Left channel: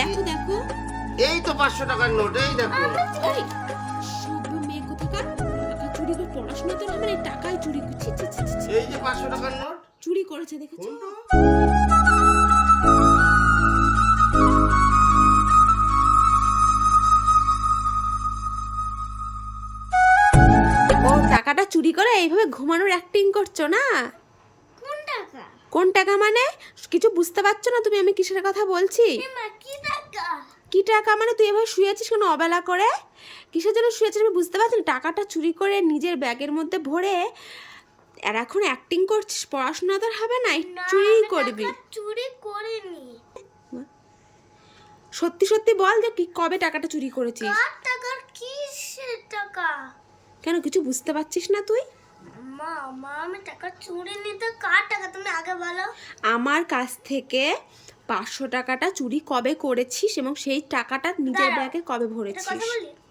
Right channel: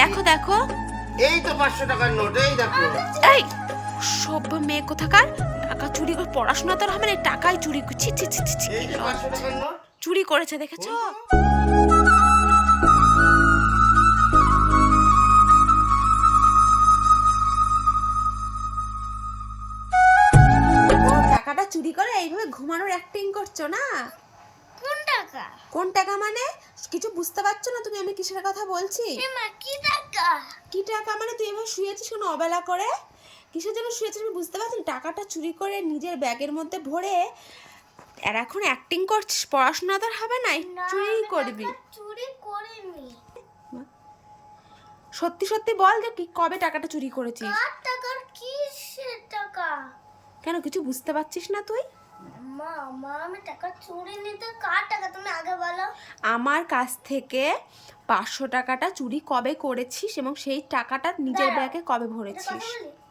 দেখো দেখো। এই তো পাঁচশো টাকার নোট এই দেখো। এই সভ্য মেয়ে কোথাকার? টাকা চুরি করে পড়াশোনা তো হবে না টাকাই চুরি করছি ছি ছি ছি ছি এই যে পাঁচশো টাকার নোট। চুরি করেছে দেখেছ? ও টাকাটা চুরি করে এইভাবে ঘুমানোর অ্যাক্টিং করছ না? কোন টাকা মানে? কিছু বুঝতে পারছ না তুমি আমি কিসের কথা বলছি? কি টাকা? কি টাকা মানে? তুই এভাবে শুয়েছিস কেন অবেলা করে? কিসের জন্য শুয়েছিস আমি বুঝতে পারছি। টাকাটা চুরি করে নিজের ব্যাগের মধ্যে ভরে আর এখন অ্যাক্টিং করছিস পড়াশোনা তো আর হবে না চুরি করবি। চুরি করিনি। সত্যি সত্যি বল যে কি কবে টাকাটা চুরি করেছিস? কার টাকার? কিসের টাকা? কেন কিছু বুঝতে পারছিস না তুই? মা মা আমি টাকা চুরি নিতে কার টাকা? তুমি আগে বলো। আমার কাছ থেকে পাঁচশো টাকাটা চুরি কবে করেছিস এবং সেই টাকাটা নিজের। ব্যাগে কবে ভরেছিস?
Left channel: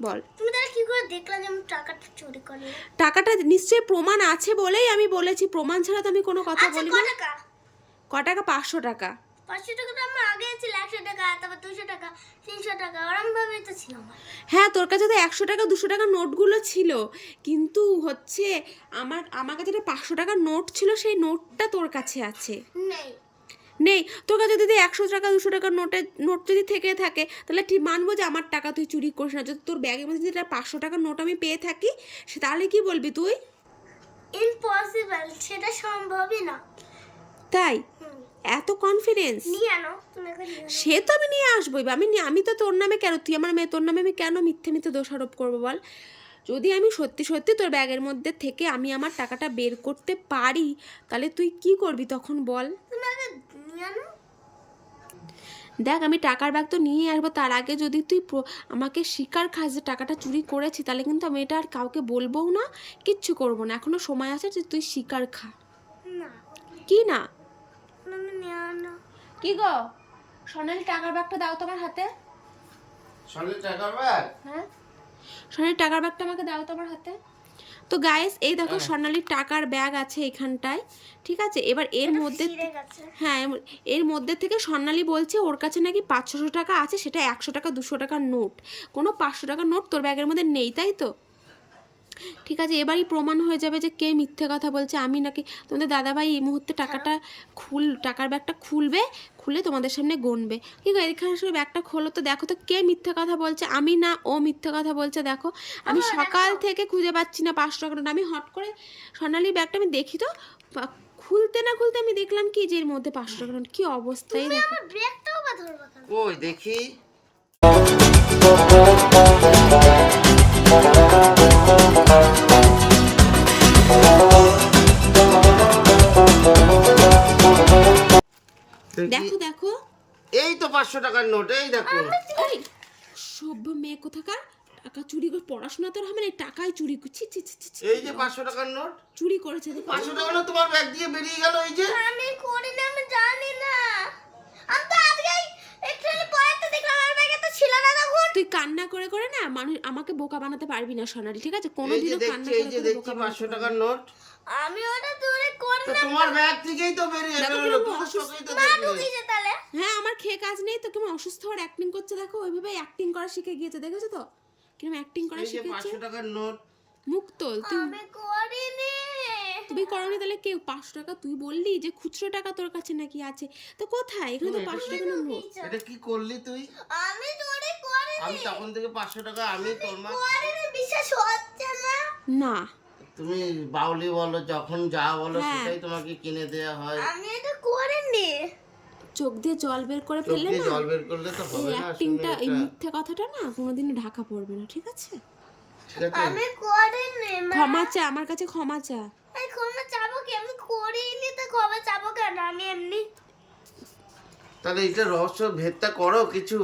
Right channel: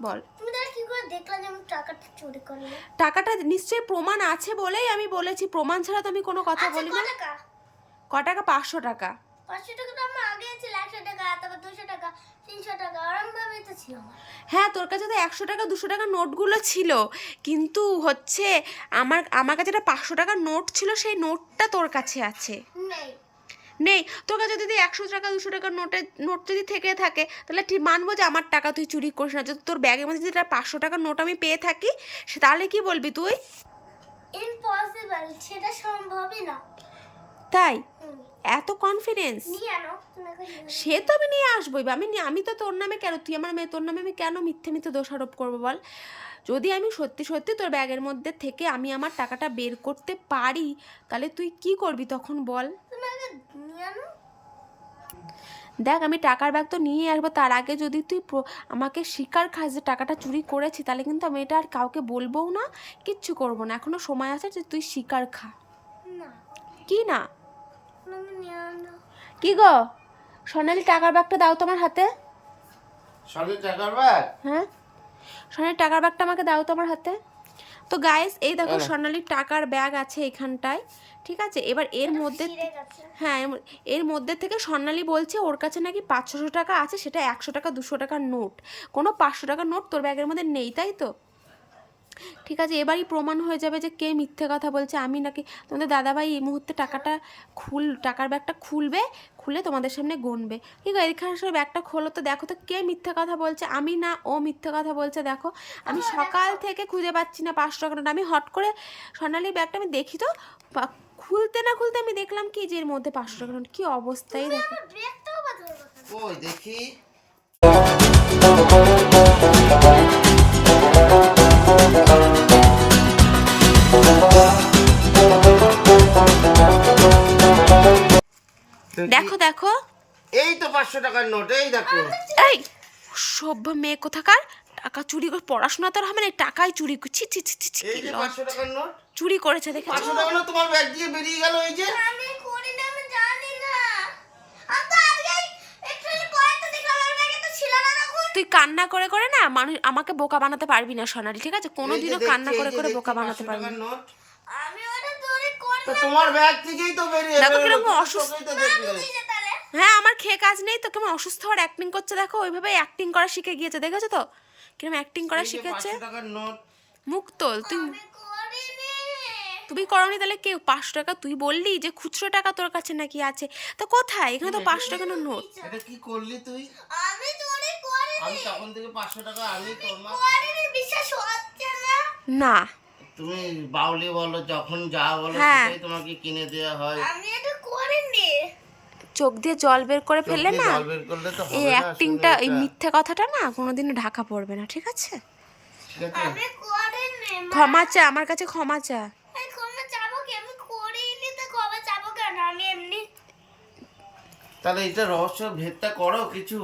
বল? তুমি তাহলে কি করে দেখলা যে আমি টাকাটা চুরি করিনি টাকাটা নিশ্চয়ই প্রমাণ আছে বলেই আমি বলেছি। প্রমাণ ছাড়া তো আমি কোনো কথা আচ্ছা বলি না ক টাকা? পাঁচশো টাকা। পাঁচশো টাকা তো আমার আগে ছিল একশো টাকা তারপর দুশো টাকা তিনশো টাকা ওরম ভাবে তো ছিল আমার। হ্যাঁ তোর কাছে তো একশো টাকা দুশো টাকা নোটগুলো ছিল কিন্তু হচ্ছে আমার আমার কাছে একটা পাঁচশো টাকার নোট ছিল সেই নোটটা তোর কাছে আছে। নেই। নেই? তোর কাছে যদি একশো টাকা দুশো টাকার নোটের নোট যদি থেকে থাকে তাহলে ঠিক মানবো যে আমার টাকা তুই চুরি করিস না। যদি তোর ব্যাগের মধ্যে যদি একটা পাঁচশো টাকার নোট আমি পেয়ে থাকি সে তাহলে কি বলবি তুই? ইম্পসিবল সেটা সম্ভবই না। তাই? এত কনফিডেন্স। সে তো আমি নিয়ে আসবোই আমি আমি তো তোর নামে কেন তুই আমার মেয়ে তোর নামে আমি কেন মিথ্যে মিথ্যে দোষারোপ করব বল? যদি আমি সত্যি সত্যি তোর ব্যাগের মধ্যে থেকে আমি আমার টাকাটা বের করতে পারি তাহলে তুই কি করবি তখন বল? দেখ আমি টাকার ব্যাগ তো নিয়ে আসব তার আগে যদি তুই আমাকে শিকার খাস যে টাকাটা চুরি করেছি তাহলে কিন্তু আমি এটা আর কাউকে বলবোও না কিচ্ছু করব না। এখনও সময় আছে যে তুই শিকার খা। কি না? কি গো? সোনালি টাকার ব্যাগটা দাও তোমার হাতে। সলিড টাকার ব্যাগ? হ্যাঁ? সোনালির টাকার ব্যাগটা আমাকে দাও তো আমার হাতে। তো গাইস এই দেখো সোনালির টাকার ব্যাগ আছে এখানটায় ঠিক আছে? এবার এর মধ্যে হ্যাঁ এর মধ্যে থেকে স্বর্ণালী বলছে ওর কাছে নাকি পাঁচশো টাকা আছে সেটা একশো টাকা দুশো টাকার নোট। কোনো পাঁচশো টাকার নোট তোর ব্যাগের মধ্যে নেই তাই তো? ঠিক আছে এবারই প্রমাণ হয়ে যাবে যে কে মিথ্যে কথা বলছে। আমি নাকি তোমাদের দাদাভাই এই মুহূর্তে টাকাটা খুল টাকার ব্যাগটা খুলবে খুলে তোমাদের সামনে গণবে। ঠিক আছে এখানে সব ব্যাগটা খোলো তো দেখো তো কে মিথ্যে কথা বলছে। আমি না ও মিথ্যে কথা বলছে দেখো। আমি সকাল থেকে খুঁজে পাচ্ছি না পাঁচশো টাকা আমি হট করে স্বর্ণালী ব্যাগটা আমি দেখি তো খুলতে না খুলতে আমি দেখলাম কি যে এর মধ্যে পাঁচশো টাকা নোট কি অবস্থায় দেখো। ওই দেখি। দেখি। দেখো দেখো। এই তো পাঁচশো টাকার নোট এই দেখো। এই সভ্য মেয়ে কোথাকার? টাকা চুরি করে পড়াশোনা তো আর হবে না টাকাই চুরি করছি ছি ছি ছি ছি এই যে পাঁচশো টাকার নোট। চুরি করেছে দেখেছ পাঁচশো টাকা নোট তোমার ব্যাগ দিয়ে বেরিয়ে গেল এই যে। আমি করি না আমি জানি না আমি তো আজকে একটু পরে তো দেখলাম আমার ব্যাগে তো ছিল না তখন তুই কান্না করে করে না মানুষ আমাকে বোকা বানাতে পারবি না সোনালি ঠিক আছে? কোনোদিনও কান্না করে করে বোকা বানাতে পারবি না। আমি ওটা দূরে করি তো তোমার ব্যাগ থেকেই তো বেরিয়ে দেখো কীরকম অসুস্থ। হ্যাঁ আমার খেয়ে কাজ নেই তো কেমন অসুস্থ হওয়ার অ্যাক্টিং করছে দেখো ওইভাবে অ্যাক্টিং করা শিখে গিয়েছে দেখেছ তো? কীরকম অ্যাক্টিং করা শিখেছে? 500 নোট। মুখ তোল তুই তুমি করনি তাহলে কেউ পাঁচশো টাকা তুই বললি যে খুচরো টাকা তোর কাছে নাকি আছে? তো কোথায়? এখানে তো পাঁচশো টাকা নোট। এটা কি করলি তুই? আমি আমি তখন থেকে পাঁচশো টাকা আমি তোর মা বিশ্বাস হচ্ছে না? না। তুমি বাউলি বলো যখন যা বলো হ্যাঁ। সেটাই তোমাকে কিনে দেওয়া হয়। আমি এটা করিনি। চোখ দিয়ে জল বের করে ফেললে না জল বের করলে তো এই হবে না, অ্যাক্টিংটা এই। মিথ্যে কথাটা না কোনোদিনও ঢাকা পড়বে না ঠিক আছে? ঠিক আছে? আমি করিনি ক্ষমা চা আমার কাছে ক্ষমা চা। আমি ক্ষমা চাবো কি? আমি করিনি তো ক্ষমা চাবো কেন? আমি তাহলে এটা রহস্য ভেদটা করো কিছু।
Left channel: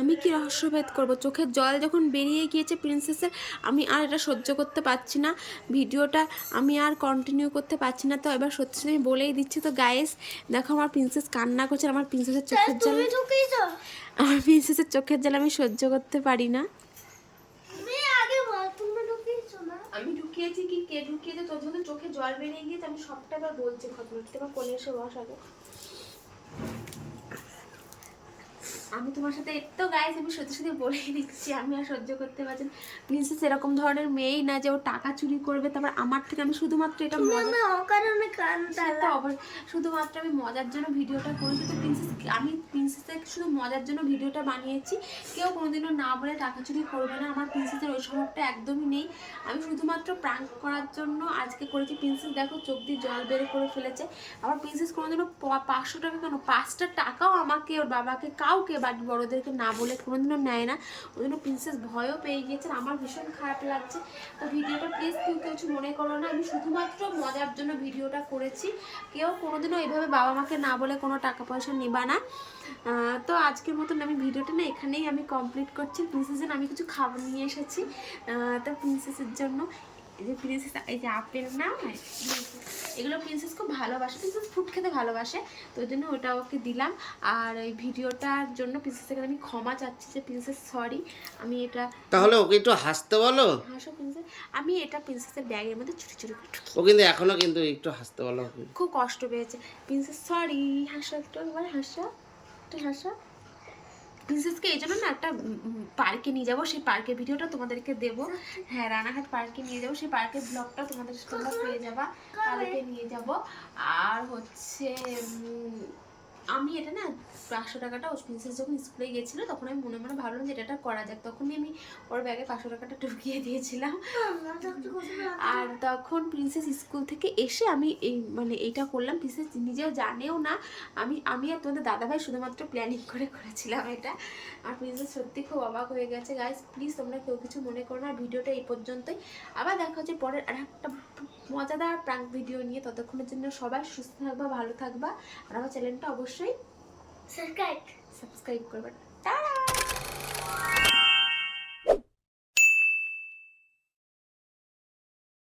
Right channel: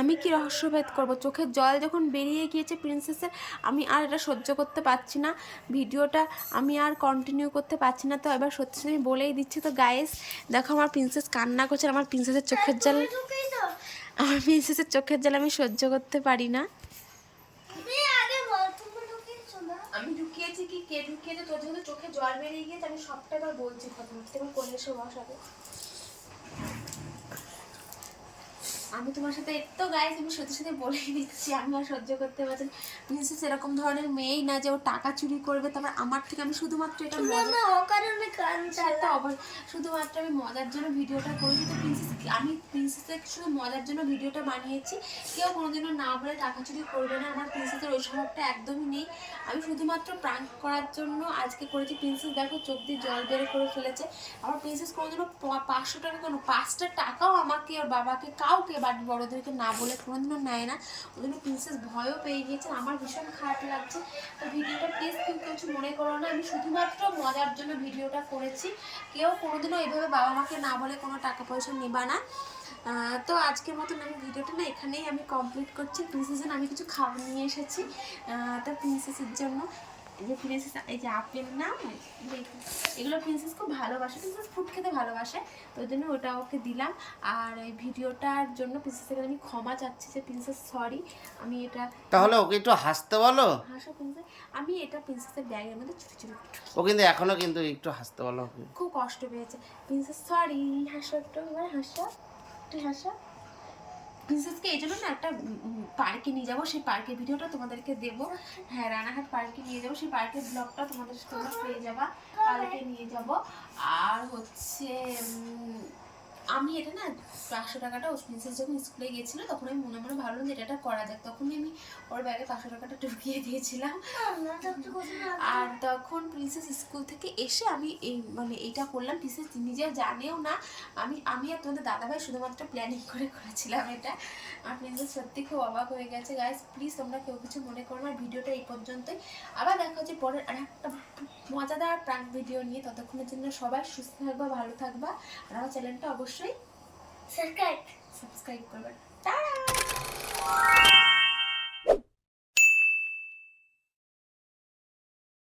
আমি কি রহস্যভেদ করব? চোখের জল যখন বেরিয়ে গিয়েছে প্রিন্সেসের আমি আর এটা সহ্য করতে পারছি না। ভিডিওটা আমি আর কন্টিনিউ করতে পারছি না। তো এবার সত্যি আমি বলেই দিচ্ছি তো গায়েস দেখো আমার প্রিন্সেস কান্না করছে আমার প্রিন্সেসের চোখের জল আমার প্রিন্সেসের চোখের জল আমি সহ্য করতে পারি না। আমি ঢুকিয়েছি কি কে ঢুকিয়েছে তোর যেহেতু চোখে জল বেরিয়ে গিয়েছে আমি সবটা এবার বলছি। ঘটনা তোমার কোলে এসে বসাবো আমি তোমার সাথে তো গাইজ আমি সত্যি সত্যি বলেই দিচ্ছি আমি আর সহ্য করতে পারছি না। প্রিন্সেস এরকম ধরনের মেয়েই না যে ও টাকা চুরি করবে তারপর আমার থেকে আমি শুধুমাত্র এটা আমার অকারণে শুধুমাত্র আমি মজার জন্য ভিডিওটা করেছি তো প্রিন্সেস আমি প্রিন্সেসের শুধু মজার জন্য ভিডিওটা বানিয়েছি। কেউ কোনোদিনও না বলে টাকা চুরি করবে না আমার প্রিন্সেসের ওই স্বভাবটা একদমই নেই। আমি শুধুমাত্র প্রাঙ্ক করার জন্য আজকে করেছি। প্রিন্সেস দেখো চোখ দিয়ে জল বের করে ফেলেছে। আবার প্রিন্সেস কোনোদিনও পাঁচশো টাকা কেন? পাঁচটা টাকাও আমাকে ওর বাবাকে কাউকে বাড়ির বড়োদেরকে না বলে কোনোদিনও নেয় না। ওই জন্য প্রিন্সেস ভয়ও পেয়ে গিয়েছে আমার ভীষণ খারাপ লাগছে। তো ভিডিওটা প্লিজ কেউ কিছু মনে করো না। আমি শুধুমাত্র মজার জন্য ভিডিওটা করেছি। কেউ কোনোদিনও এইভাবে বাবা মাকে না বলে কোনো টাকা পয়সা নেবা না। তো আজকের মতন আমি ভিডিওটা না এখানেই আমি কমপ্লিট করছি। প্রিন্সেসের আমি কিছু খাবার নিয়ে এসেছি। তো প্রিন্সেসের জন্য এই যে প্রিন্সেস এই যে আপেল না এগুলো প্রিন্সেস খুব ভালোবাসে প্রিন্সেস ফুড খেতে ভালোবাসে তো ওই জন্য ওটা ওকে দিলাম। আর এই ভিডিওটার জন্য প্রিন্সেসকে আমি ক্ষমা চাচ্ছি যে প্রিন্সেস সরি আমি এটা তাহলে ওকে একটু হাসতে বলো? হাসো প্রিন্সেস আমি এটা প্রিন্সেসের ব্যাগের মধ্যে চুরি করে ও কিন্তু এখনও কিন্তু একটু হাসতে বলো খুব কষ্ট পেয়েছে। প্রিন্সেস সরি হাসো একটু এবার হাসো একটু হাসো। প্রিন্সেসকে এই জন্য না একটা পার্কে নিয়ে যাব, সেই পার্কের ভিডিওটা তোমাদেরকে দেব। হ্যাঁ রানাঘাট পার্কে নিয়ে যাব, সেই পার্কের ব্লগটা তোমাদের পেয়ে যাবা, পার্কে নিয়ে যাব। আর হচ্ছে আমি এটা না পাঁচশো টাকাটা প্রিন্সেস যখন স্কুলে গেছিল, তখন আমি মনে মনে ভাবলাম যে এটা করা যাক। তখনই আমি ওর ব্যাগে পাঁচশো টাকাটা ঢুকিয়ে দিয়েছিলাম। আর তখন প্রিন্সেস স্কুল থেকে এসে আমি এই মানে এইটা করলাম। প্রিন্সেস নিজেও জানেও না, আমি আমি আর তোমাদের দাদাভাই শুধুমাত্র প্ল্যানিং করে করেছিলাম এটা। আর প্রিন্সেস সত্যি খুব অবাক হয়ে গেছে। গাইস প্লিজ তোমরা কেউ কিছু মনে করো না। ভিডিওটা এই পর্যন্তই। আবার দেখা হচ্ছে পরের আর একটা মজাদার প্রাঙ্ক ভিডিও নিয়ে। ততক্ষণের জন্য সবাই সুস্থ থাকবা, ভালো থাকবা। আর আমার চ্যানেলটা অবশ্যই অবশ্যই সাবস্ক্রাইব সাবস্ক্রাইব করবেন টাটা